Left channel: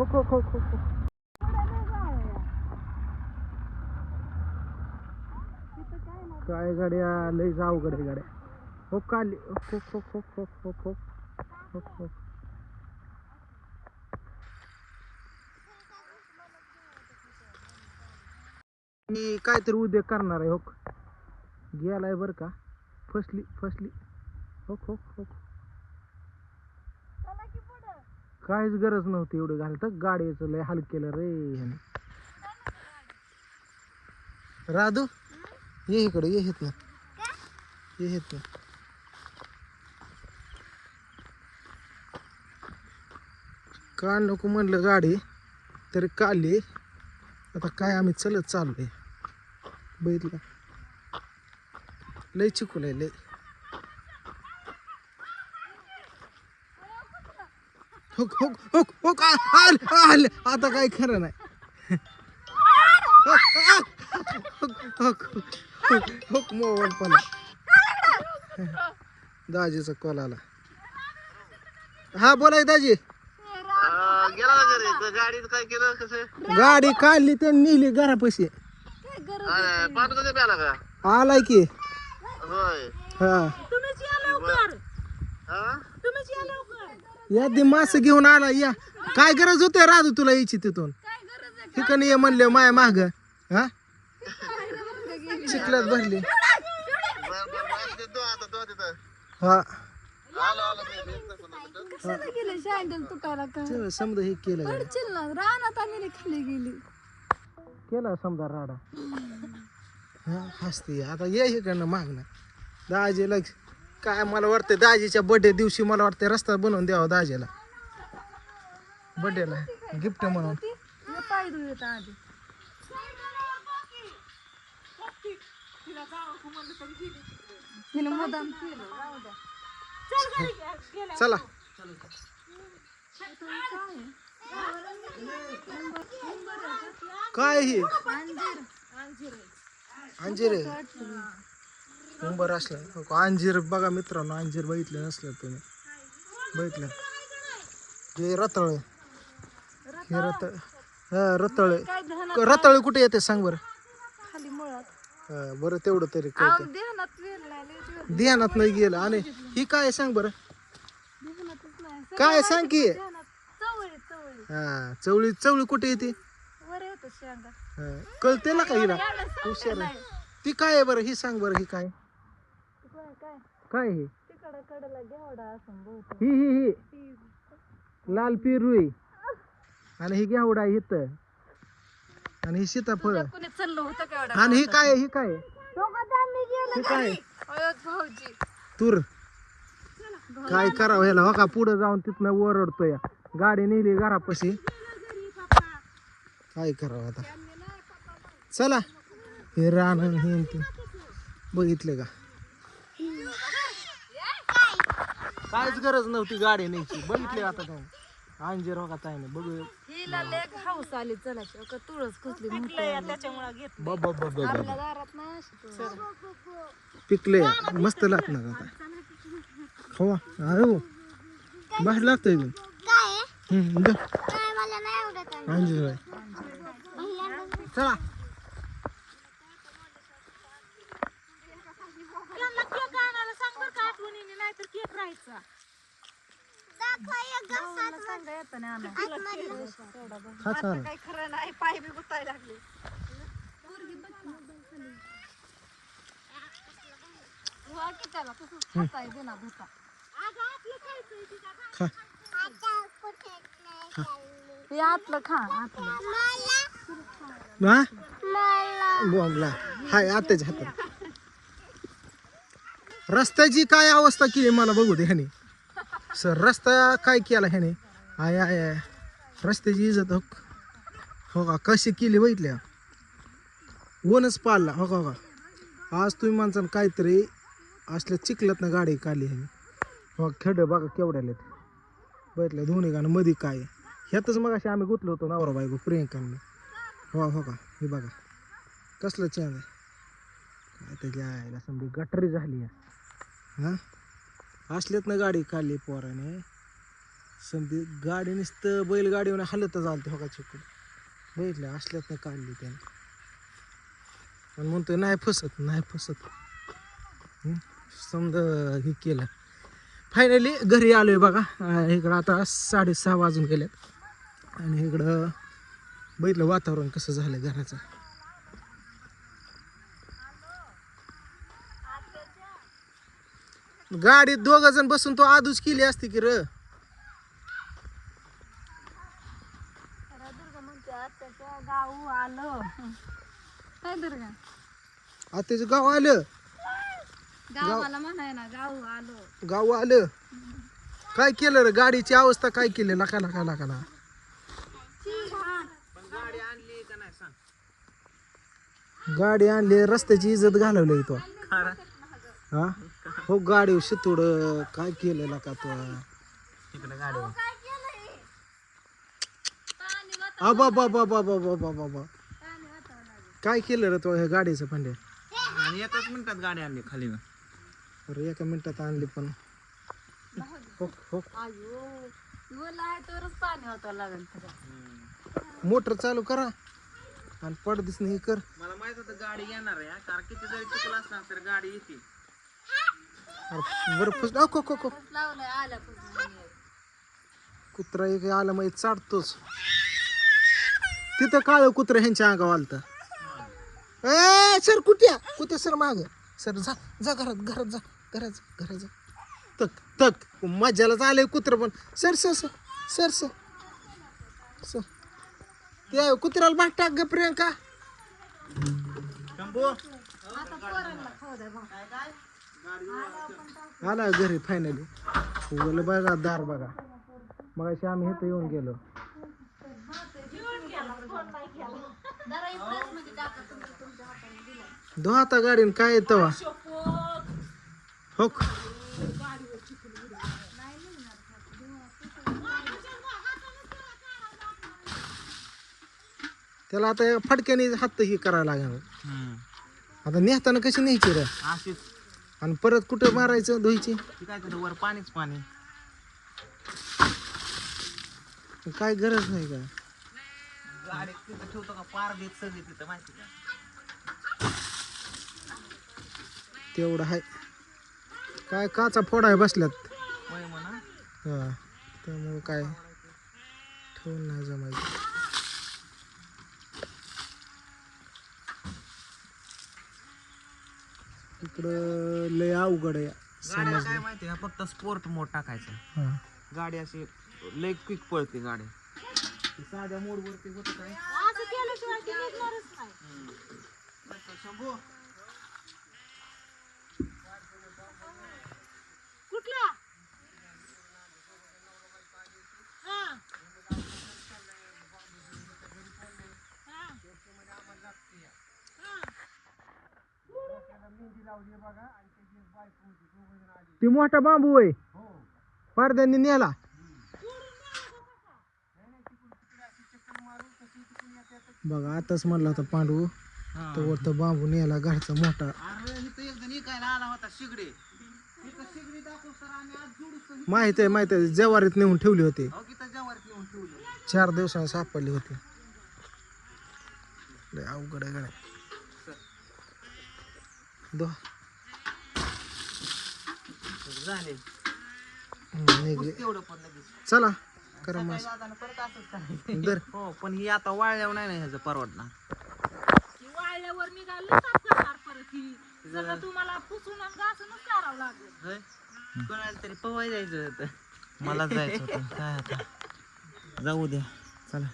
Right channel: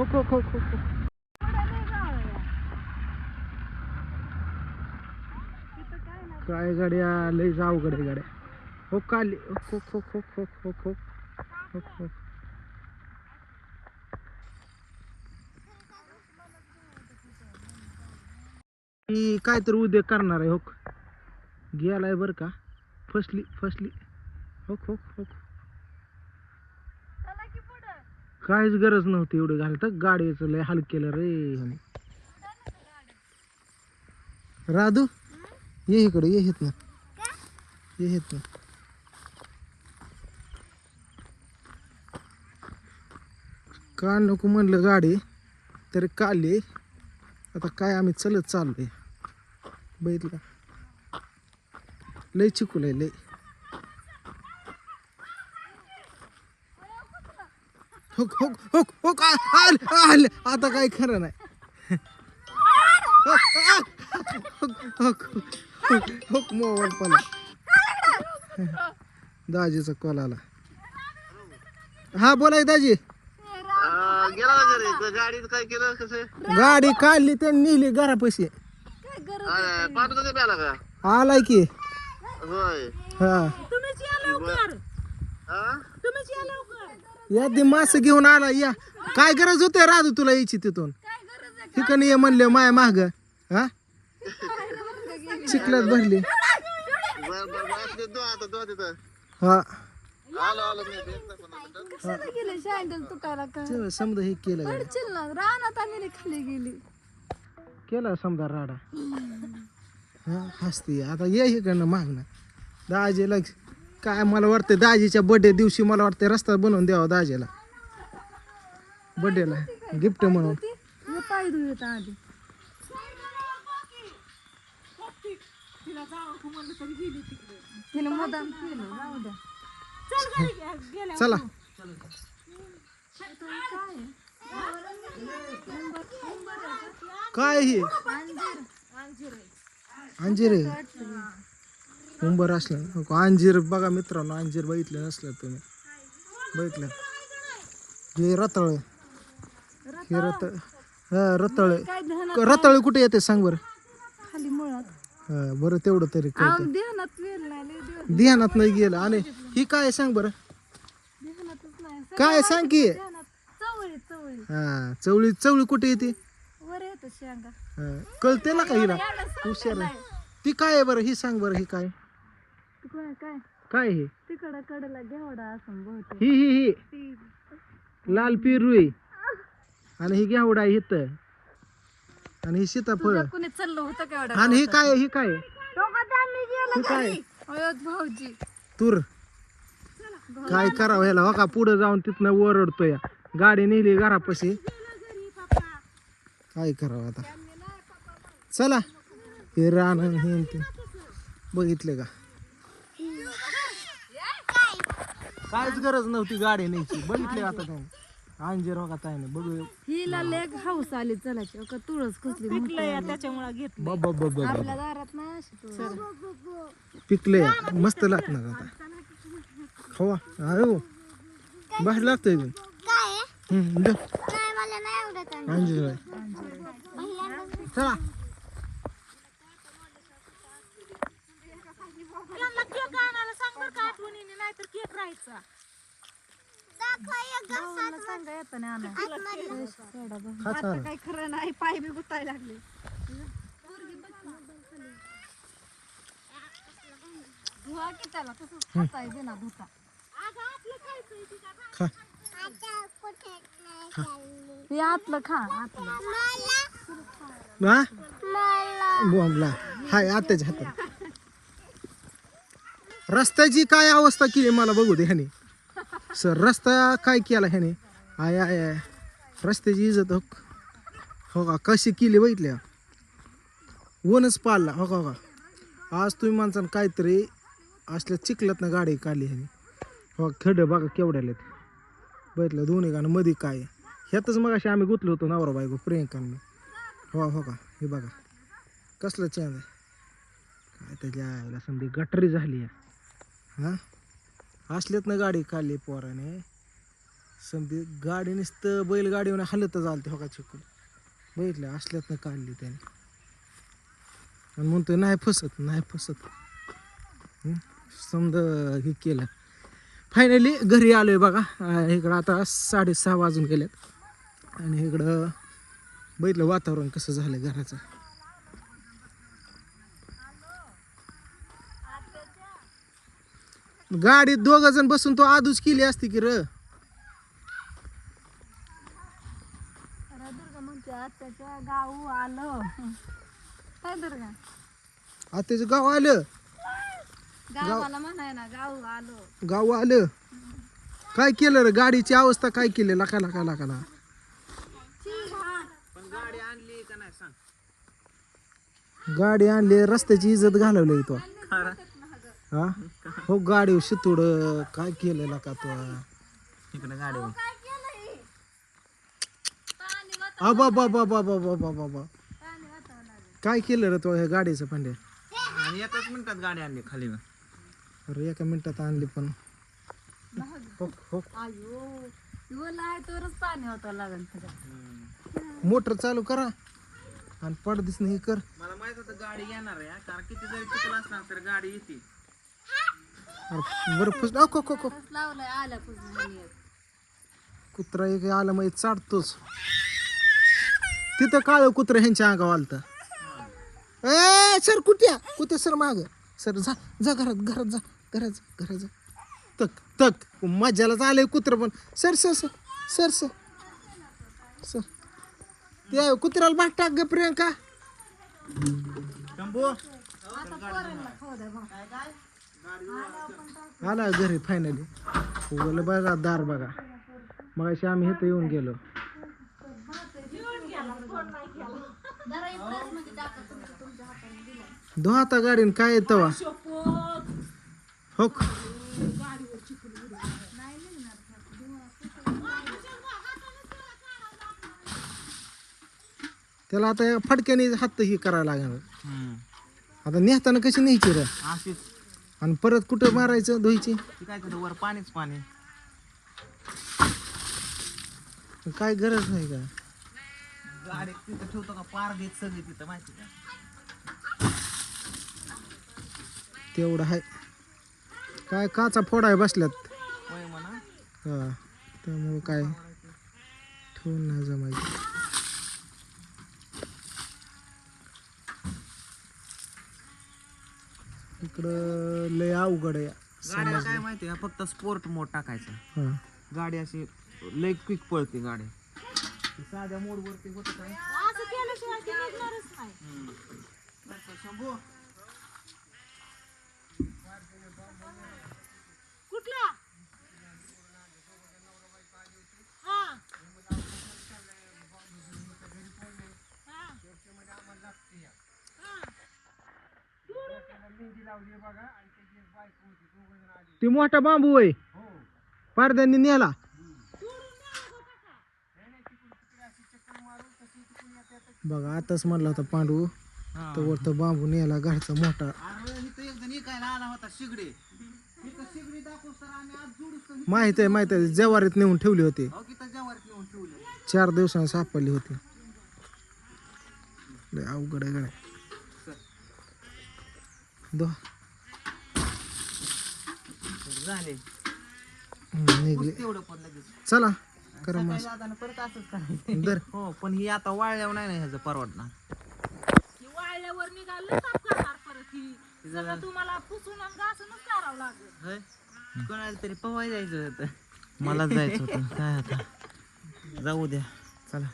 हो go, हो go, काय गाड्या लय अवघड आहे गाड्या हो काली हो हो हो हो हो हो हो हो मी काहीतरी उद्योग करणार आहे हो गेलाय बरं का फसली फसली हो हो हो काहीच गरज नव्हती एवढं घालतं. गाडीचं लय हल केलं रे ह्याने. राधू ये इकडे ये येत ना ये येत ना का नको म्हणलं गाडी तर काली आता काय आम्ही चलत चाललोय. बघितलं लय चिकूल आहे लय. का आल आल. आता काय खरं नाही. हो पण दाजीचा कॉल आला. हा बोलाय दाजी. गेला ना घरी त्या गाडीत काय केलं कसं गाडी काढली तर नेली घरापाशी. पाठ कधी प्याला का? आलाय की. होय. हा. हा? या मास घेऊन आला या. काय गरज होते राजू तुला यायची तिथून? ठिकाणी ये म्हणले माय माग. हा? चिखलात भरले. हा. समजा हे केलं केलं समजा राडा. हा हसते. आता ये इकडनं मागणं दाजीला काय मला वाटतं दाजीच्या बर्थडे दिवशी मला वाटतं रस्ता बनवून द्यावा दाजीला. बर्थडेला गिफ्ट म्हणून. चला. काय ही? अंजीर आहे. उंबर असला. अंजीर बघा मित्रांनो अंजीर बघितलं नसलं तुम्ही. बघितलं. हे रताळ. हे रताळ? हा रताळ. रताळ कुठे येते सांग बरं? हा, बरं तेवढं तरी. ध्यानात नाही गेलं. आणि ही काय सांग बरं? काय सांग की? चवळी चवळी. हा चवळी चवळी कुठे येते? हा, कळते ना का हिला? हुशार ती काय आहे बरं? ही सांग बरं ही काय? काय काय? काय हे? तिकडं कडला घेवडा असं बहुतेक. ही ही ही. लाल पेरू आहे आणि ही घेवडा आहे इथं आणि ही सीताफळ. कुणी चाललं होतं का एवढं आणि ही काय? ही काय ही काय भाऊजी. तूर. काय करावं ह्याला? हो का? पुढं जाऊन तिथनं ओरडतोय गाडी नेली घरापाशी. काय करावं आता? चला. हे रान हे ते. बघितले का? काहीच गरज नव्हती गाडी न्यायची. बघितले आता तुम्ही अंजीर बघा ताई नाही बघू हिला लेग हाऊस आली अगं तुळस कसली त्याच्यामुळे घेत ब- ब- ब- ब- आपल्या दारात ना अशी तुळस. पिकले मस्त लागणार आता. हो अरे बस लागतंय. अंजीर. चला. काय खरं नाही पाय बी गुतायला लागले बोलला हाय रस्त्याची काय अवस्था केली मला बघू दे ह्याने. सर रस्ता काय केला ह्याने? आय आय आय. रस्त्याची इजत हो हो का? कशी केली बघितल्या ऊनच पाडला हो का हो का? आज तुम्ही माणसानं काहीतरी असल्या चिखलत ना गाडी काढली ह्याने. हो खेड बघा केवढ्याला बघितलं दोन्ही गाणं मध्ये काय ह्यातच मग अशी आम्ही गुतलो होतो नवरा बायको प्रियंकांना. हो हो का? हे बघा. कसलं छान आहे. काय त्याच्या आयला संधी गटरी झाली आहे. हां? असल्यात ना गाडी काढली पोरानं. समधी गाडी नुसतं बैलगाडीवर हलत चालते ते का चिकून बघितलं असल्यात काढली त्याने. आणि म्हणतो नाही फसत नाही फसत. समजा हे केलं. फायनली घरी आलोय बघा. इकडं आता साडेसहा वाजून गेल्यात आणि इकडं बघितलं वातावरण कसं झालं घराचं. गाडीत दोघ जण बसून तो आदूच केली असते की र. गाव आलं काय दुर्गा गाव आलं. गावाला म्हणाय ना गाव आलं. गाव आलं काय केलं रे? गाडीची अवस्था काय केली? लका लका लका लका गाडी आणली रस्त्याची इज्जत घालवली तो हा? हो गाडी शितोड काय केलं का तो? तिकडे गाडी बाबा बाबा बाबा बाबा काय केलं रे तो ह्या गाडीचं आणि एकाच मिनिटात गाडी आणली खाली. अरे एका मिनिटात आणली पण. हो, हो. पाणी मोटर चालू करा. आणि पडदिस नाही कर. मला माहीत होतं गाडी येणार आहे हा. कारण किती जरी चुकलं असणार तर गाडी येते. बरं फस अ, को, को, को. लावलंय आल्यापासून कुत्रा एक आलं मग चाडतोच. तिथं काळ कुत्र ह्यांच्या अंगावर आलत. ए सर कुठ्या कुठे सर माग? सर जा जा घरात घरात जा घरात जा घरात जा. तक तक. मजालाच आलंय कुत्र पण. Sir sir sir sir sir. Sir. ते कुत्र्याला बाट टाक ग प्रियंका. आला घरी फायनली बोल बघा दार बघा. मग अशी आम्ही इथं येऊन गेलो. धो आता गाडीन काय येत हो त्याला आता फटक्याने हात ही करायला लागणार आता नेताना कशी न्यायची रे? आणि परत कुठं मारायचं धुईची? ती काय वर पाणीच पाणी. काय गरज नाही का? गाडी तिथं ठेवतो का? पार घेत सगळी तिथं माहिती का? तेवढं आहे काय काचा फोडाय बसल्यात? होय म्हणा. हा त्यामुळं काय? ठेवून नाही जमायचं. इकडं लय अवघड आहे. गाड्या काय माहिती आहे फक्त स्पोर्ट मोड टाकायचं. हा. गाडी अशी लय क्विक पळते गाडी. साध्या मोड वरती होत काय असं केल्याशिवाय ती निघणारच नाही. कुठल्या हा. ते मोठा बांबू आहे. पारद्यांनी नेला. बघा आताच म्हणला होता पांडू तो वरतं बांबू नेला घरचा मोठा. तर माहीत आहे माहीत आहे जवारीत नेऊन ठेवली होती. हो चार दिवसांनी सापडली होती. अवघड आहे झाले. तेवढं पण लगेच. चला करा मग सकाळी जाताना परत असंच करायचं. दर. हो पण ही आता वाळल्यावर नाही ना ह्याचं परवडणार. वाळल्यावर निघालं तर करणार परत? ही. जरा तुम्हाला पुसून आणि घासूनच करावं लागेल. होय? कोणाला तरी पवाय जायचं होतं. मला जायचं होतं. काय आता? जाऊ द्या. चला.